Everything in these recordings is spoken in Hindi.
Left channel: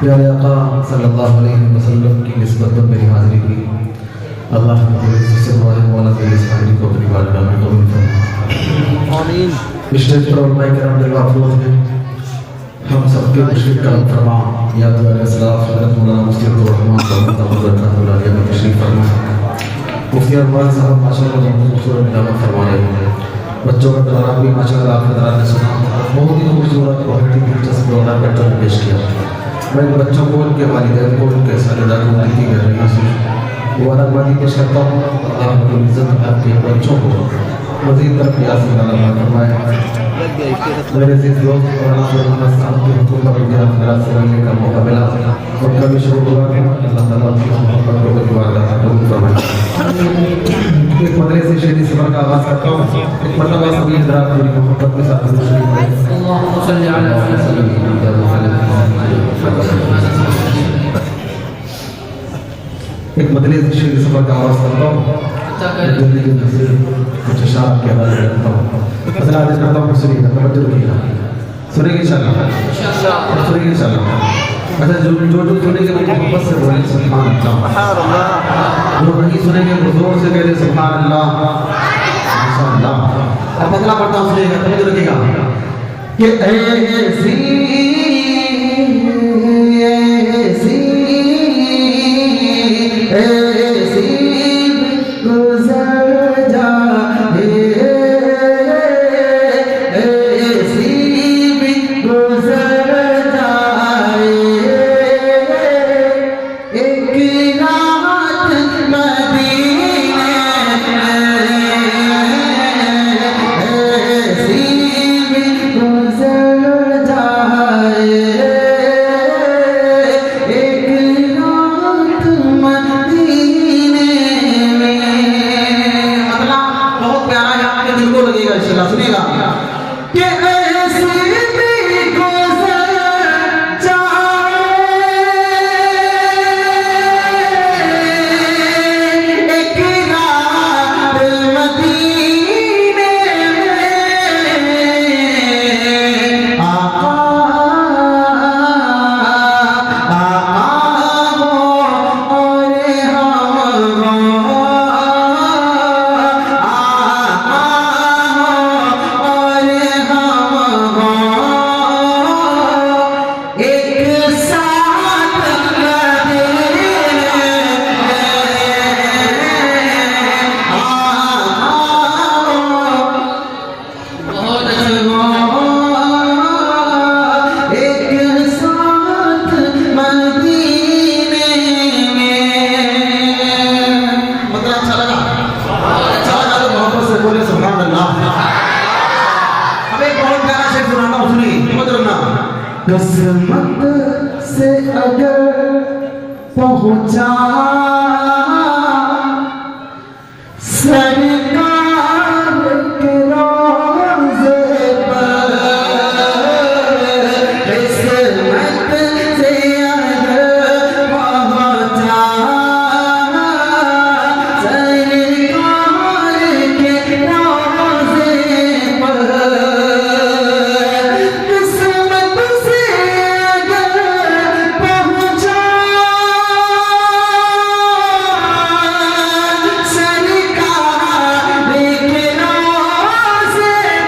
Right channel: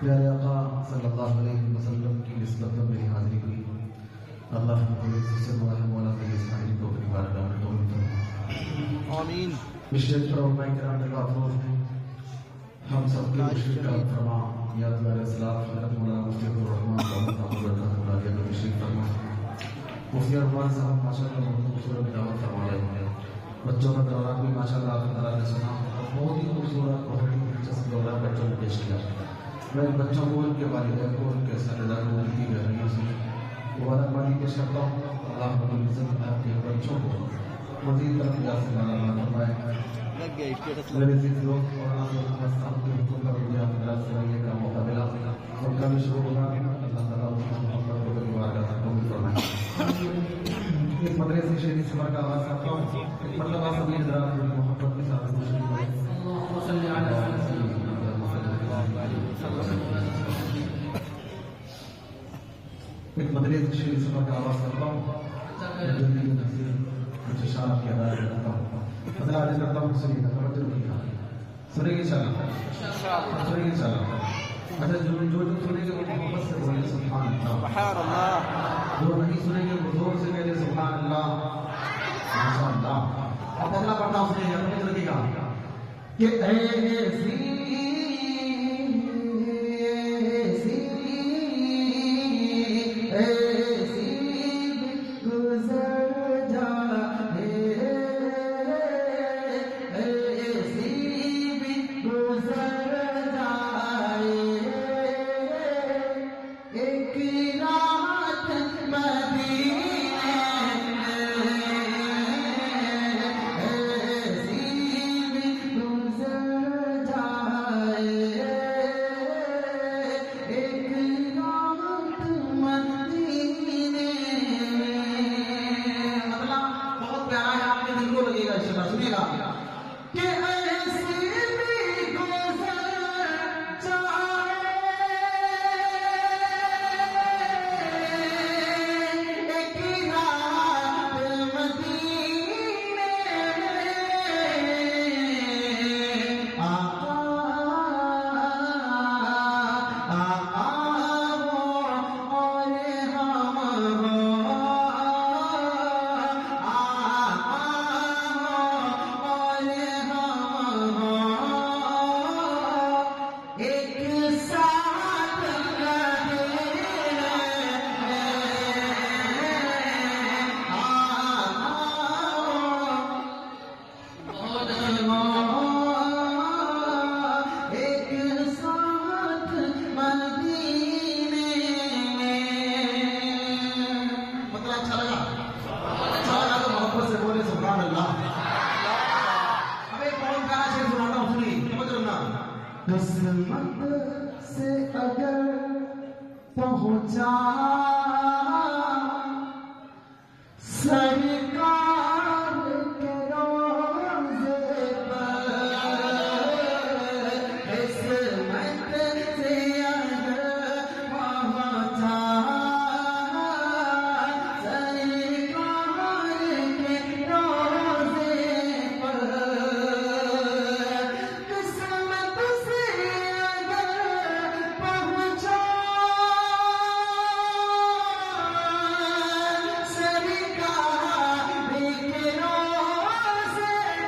प्यारे आका सल्लल्लाहु अलैहि वसल्लम की निस्बत पर मेरी हाज़िरी हुई। अल्लाह से दुआ है मौला मेरी इस हाज़िरी को अपनी बारगाह में कबूल फरमाए। आमीन। स्टेज पर उलमाए किराम दिलवाफरोज़ हैं, हम सबके मुश्किल करम फरमा। या दुआरे सलाफ हज़रत मौलाना मुफ्ती अब्दुल रहमान साहब रहमतुल्लाह अलैह तशरीफ़ फरमा। मुफ्ती अरमान साहब माशाअल्लाह बहुत खूबसूरत नियामत फरमा रहे हैं। बच्चों का दौरा भी माशाअल्लाह आपके दौरान ने सुना, बहुत ही खूबसूरत बहुत ही दिलचस्प दौरा बच्चों ने पेश किया। मैं बच्चों को उनके वालिदैन को उनके सालेदार को उनकी गहराइयों से मुबारकबादी पेश करता हूँ। अल्लाह रब्बुल इज़्ज़त आपके बच्चों को मज़ीद तरक्यात से अता फरमाए। मेरे अज़ीज़ दोस्त मौलाना मोहम्मद साहब की हुकूमत पर मुझे आपका सुनने का मौका मिला, उनका भी शुक्रगुज़ार हूँ। अल्लाह ताला की मोहब्बत को बरकरार कबूल फरमाए। एक मदरे से शेरी सफर का आगाज़ करता हूँ। एक मरतबा सभी हज़रात मेरी मोहब्बत के साथ तशरीफ़ लाए। एक मदरे से शेरी सफर का आगाज़ करता हूँ। जल्दी जल्दी से कुछ इशारा के हवाले करता हूँ। मसला आज करता हूँ, सुनिएगा, तवज्जो रखिएगा। सुनेंगे इंशाअल्लाह, सुनेंगे इंशाअल्लाह। अच्छा, जो सुनेंगे वो मोहब्बत से बोलें सुभान अल्लाह। जो नहीं सुनेंगे वो जोर से कह दे सुभान अल्लाह, माशाअल्लाह। अब अगला पढ़ता हूँ, सुनिएगा, तवज्जो रखिएगा कि ऐसी किस्मत से अगर पहुँचा सरकार के रोज़े पर, किस्मत से अगर पहुँचा सरकार के रोज़े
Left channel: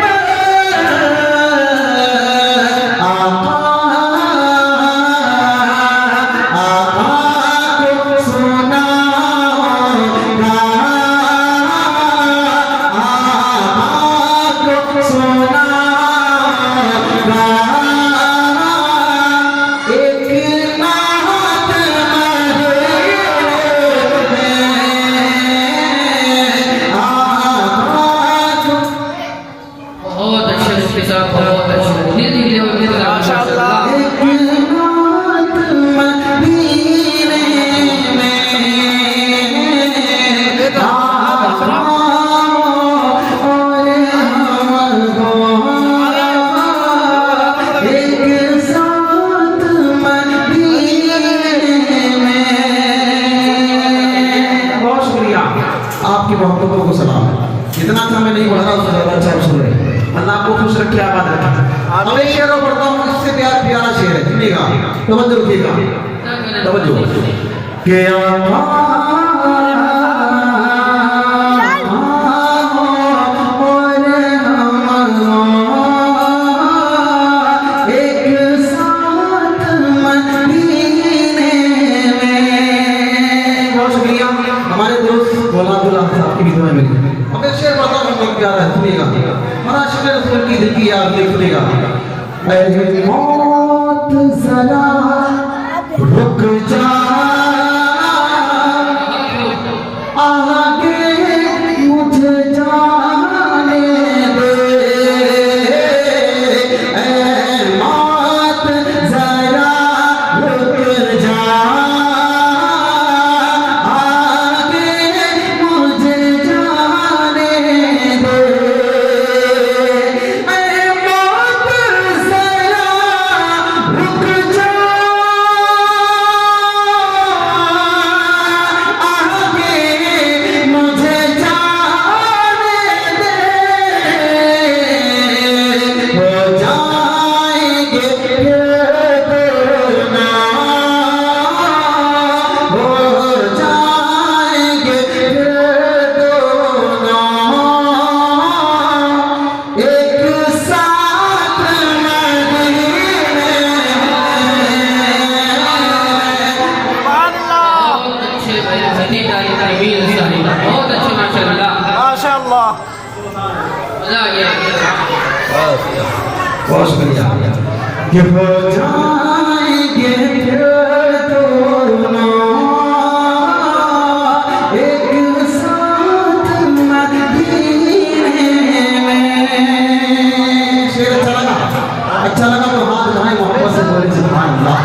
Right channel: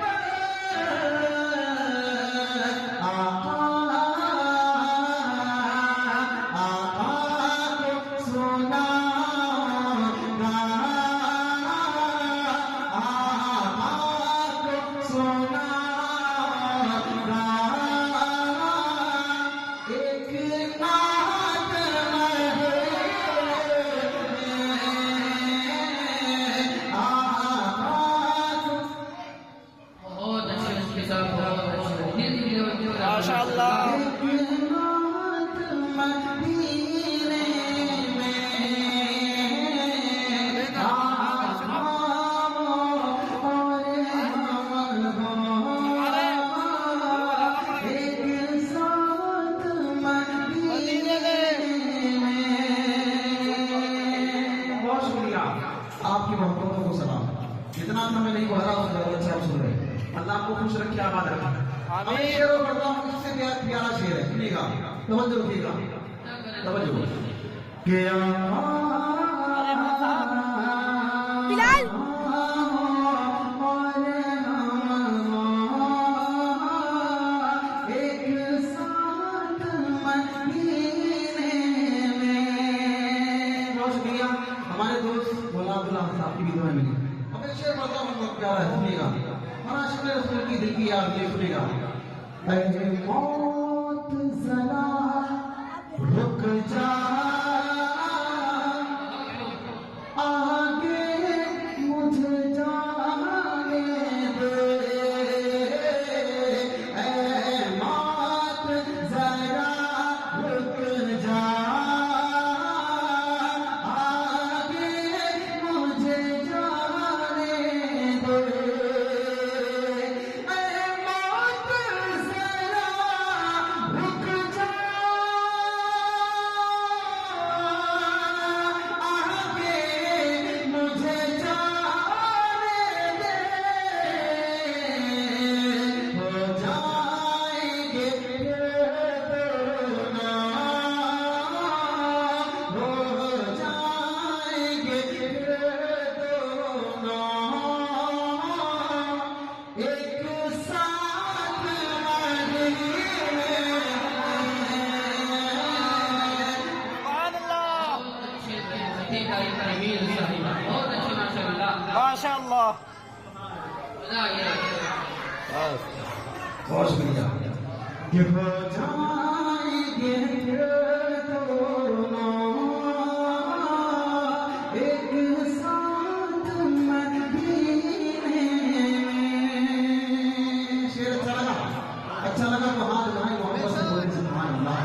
पर, आपकी मोहब्बतों को सलाम। इतना था मैं नहीं बढ़ा रहा, उससे ज़्यादा अच्छा सुन रहे। अल्लाह आपको खुश रखे, आबाद रखे। तरह पढ़ता हूँ, इससे प्यारा शेर है, सुनिएगा, तवज्जो रखिएगा, तवज्जो के मौत जरा रुक जा, आगे मुझे जाने दे, मौत जरा रुक जा, आगे मुझे जाने दे, बहुत शुक्रिया। कि हो जाएंगे फिर दोनों एक साथ मदीने में। शेर अच्छा लगा तो हाथ उठाएं, मोहब्बत से बोले सुभान अल्लाह।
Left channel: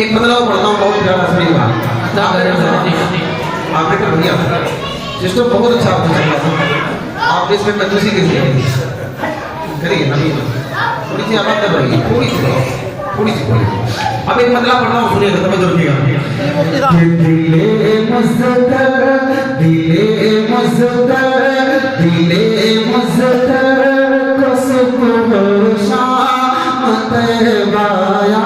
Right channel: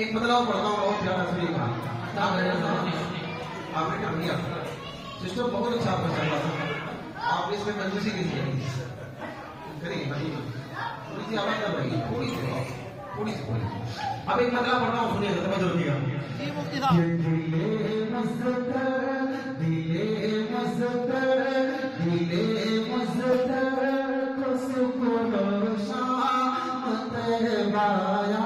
एक बदलाव पढ़ता हूँ, बहुत प्यारा सुनिएगा। आपने क्या बढ़िया सिस्टम बहुत अच्छा आपने चल रहा था, आपने इसमें कंजूसी कैसी करिए, अभी थोड़ी सी आवाज़ दब रही है, थोड़ी सी अब एक बदलाव पढ़ता हूँ, सुनिएगा, तवज्जो रखिएगा। दिले मज़दर को सुबह शाम तैबाया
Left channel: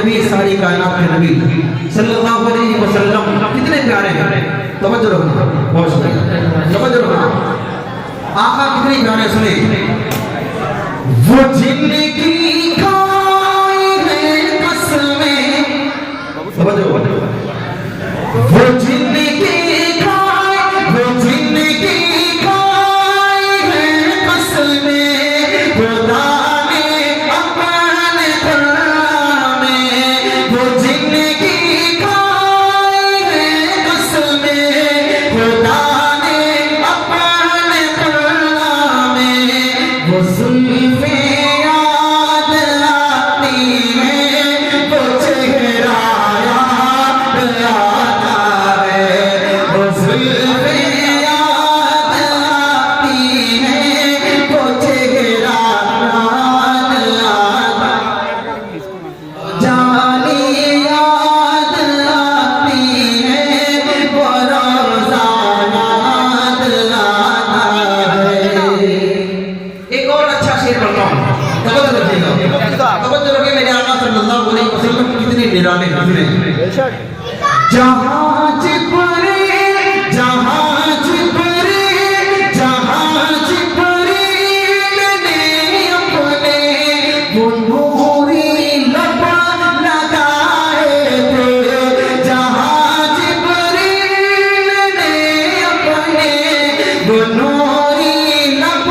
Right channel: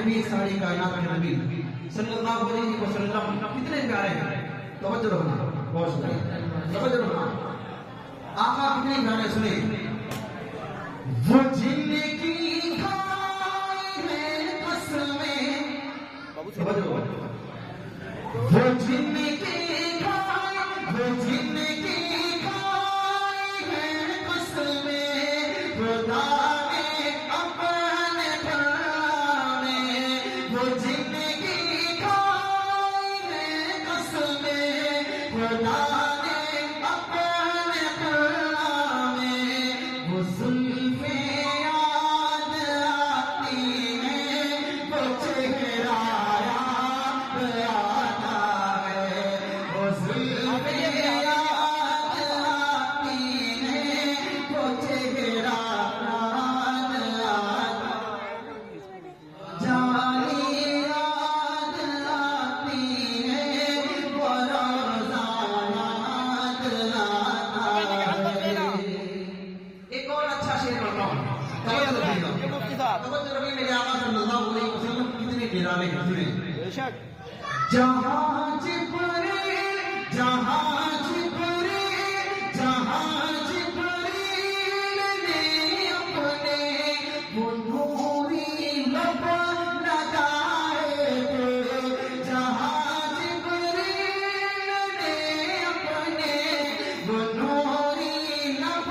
नबी, सारी कायनात के नबी सल्लल्लाहु अलैहि वसल्लम कितने प्यारे हैं। तवज्जो रखना, बहुत शुक्रिया, तवज्जो रखना। आका कितने प्यारे, सुने। वो जिंदगी खाए हैं कसमें, तवज्जो, वो जिंदगी खाए, वो जिंदगी खाए हैं कसमें, खुदा ने अपने कलाम में, वो जिंदगी खाए हैं कसमें, खुदा ने अपने कलाम में, वो सुल्फे याद आती है, वो चेहरा याद आता है, वो सुल्फे याद आती है, वो चेहरा याद आता है, जानी याद आती है, वो रोज़ा याद आता है। एक और अच्छा शेर पढ़ता हूँ, तवज्जो रखिएगा, तवज्जो रखिए। मेरे आका सल्लल्लाहु अलैहि वसल्लम कितने निराले कितने। जहाँ जिब्रील, जहाँ जिब्रील, जहाँ जिब्रील ने अपने वो नूरी लब लगाए थे, जहाँ जिब्रील ने अपने वो नूरी लब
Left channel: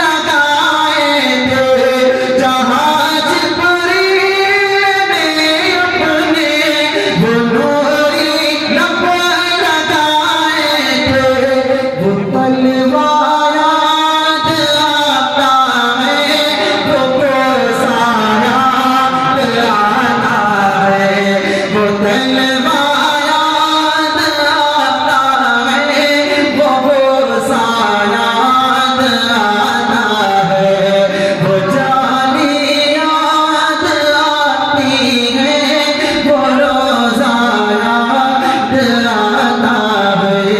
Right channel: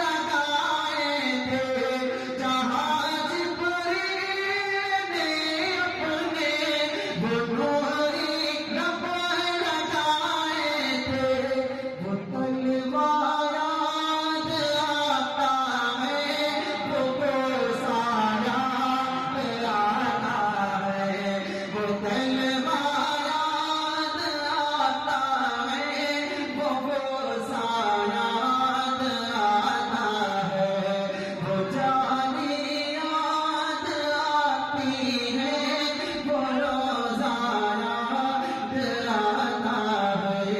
लगाए थे, जहाँ जिब्रील ने अपने वो नूरी लब लगाए थे, वो तलवार याद आता है, वो कोसा याद आता है, वो तलवार याद आता है, वो कोसा याद आता है, वो जानी याद आती है, वो रोज़ा याद आता है।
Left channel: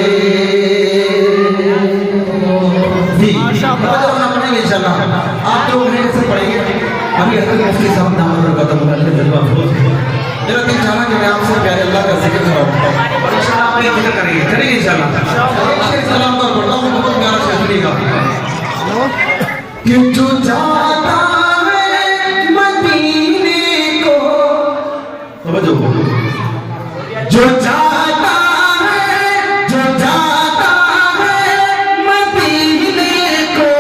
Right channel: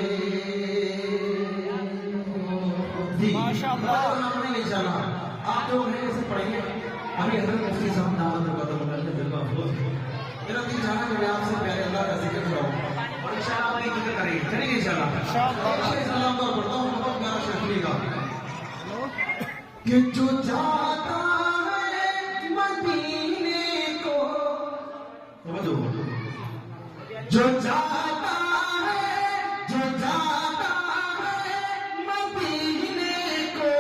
जी, पढ़ना पड़ेगा इंशाल्लाह। आप लोग मेरे से पढ़ेंगे। अभी हज़रत मुफ्ती साहब नाम पर कदम करके जज्बा अफरोज़। मेरा दिल चाहा कि मैं आपसे प्यारे अल्लाह का जिक्र कराऊं और इंशाल्लाह आप ये जिक्र करेंगे, करेंगे इंशाल्लाह। शेर सलाम पर पढ़ता हूँ, बहुत प्यारा शेर सुनिएगा। कि जो जाता है मदीने को, समझो, जो जाता है, जो जाता है मदीने को,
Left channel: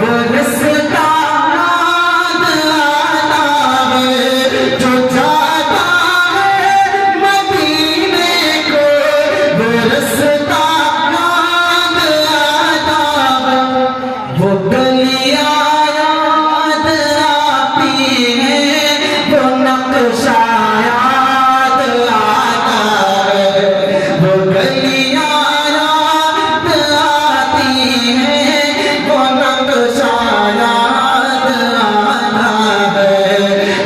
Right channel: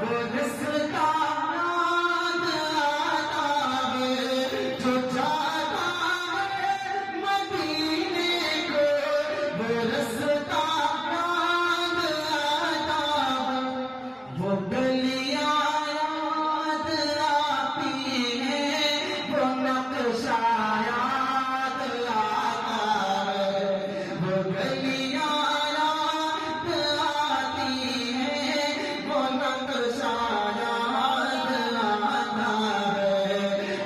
वो रास्ता याद आता है, जो जाता है मदीने को, वो रास्ता याद आता है, वो गलियां याद आती हैं, वो नक्शा याद आता है, वो गलियां याद आती हैं, वो नक्शा याद आता है,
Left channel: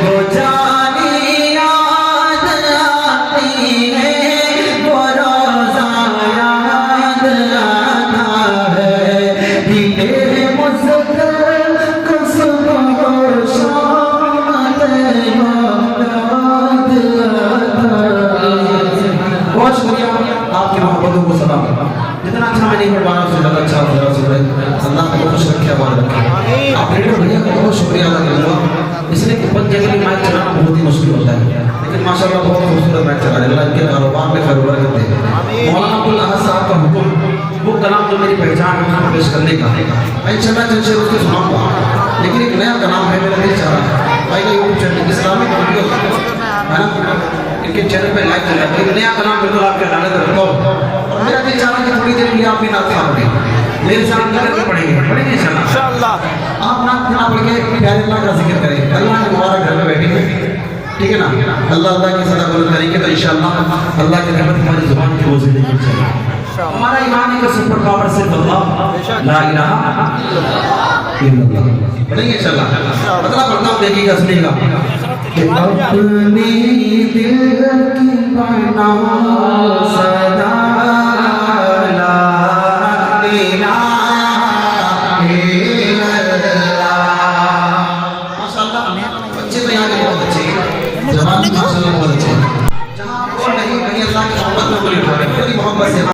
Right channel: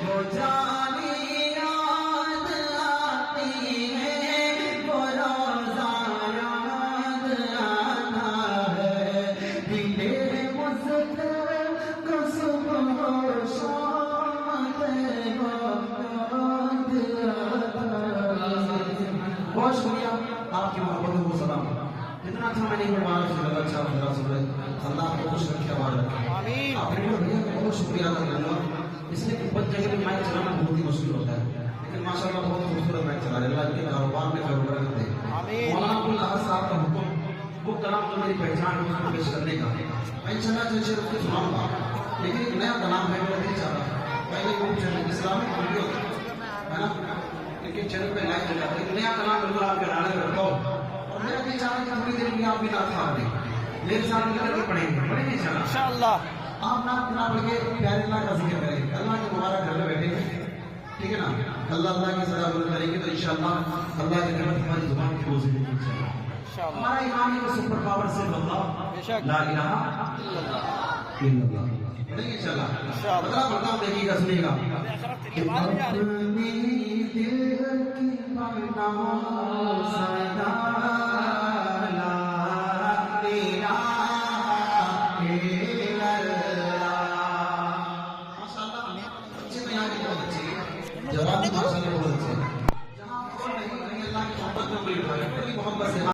वो जानी याद आती है, वो रोज़ा याद आता है, दिले मुस्कुर को सुबह शाम याद आता है। बहुत शुक्रिया आपकी मोहब्बतों को सलाम। जितना अच्छा मैं नहीं पढ़ पा रहा उससे ज़्यादा अच्छा हो जाए। अल्लाह को खुश रखे, आबाद रखे। आप रेडियो भैया का बहुत शुक्रिया अदा करूँगा, इसलिए कि बंद जगह मैच चलाना बहुत ही मुश्किल होता है, लेकिन माशाल्लाह बहुत खूबसूरत मैच चला रहे हैं। अल्लाह इनके कारोबार में खैर बरकत दे। मौलाना अब्दुल अहद साहब का हुक्म, वो कलाम जो मेरी पहचान है उसको पेश करने का, मैं इंशाल्लाह चंद शेर उसको सुनाऊंगा, लेकिन एक नया कलाम है मेरा दिल चाह रहा है भाई का यूट्यूब चैनल इस्लामिक वीडियो है ना, इनके चैनल पे लाइक कर लेते हैं। नया कलाम बिल्कुल आपके अदालत रखता हूँ और मेरा दिल चाह रहा है कि थोड़ी देर के लिए आप भी नात पढ़ें, मेरे साथ मिलकर पढ़ेंगे इंशाल्लाह। आप नात पढ़ के प्यारे अल्लाह का जिक्र करें, अल्लाह के मुबारक घर में बैठेंगे, ठीक है ना। अल्लाह अल्लाह की सदा बुलंद करेंगे तो इंशाल्लाह अल्लाह की रहमत हमारी जुबान की रोज़ मिलेगी इंशाल्लाह। हमारा ईमान है कि सुपर पावर सिर्फ अल्लाह, ला इलाहा इल्लल्लाह। पढ़ेंगे इंशाल्लाह। मतलब पढ़ता हूँ, देखिएगा, सुनिएगा। कि अपने दिल की बना सदा ला इलाहा इल्लल्लाह। माशाल्लाह, बच्चे तो यहाँ के बहुत अच्छे हैं, जवान इंशाल्लाह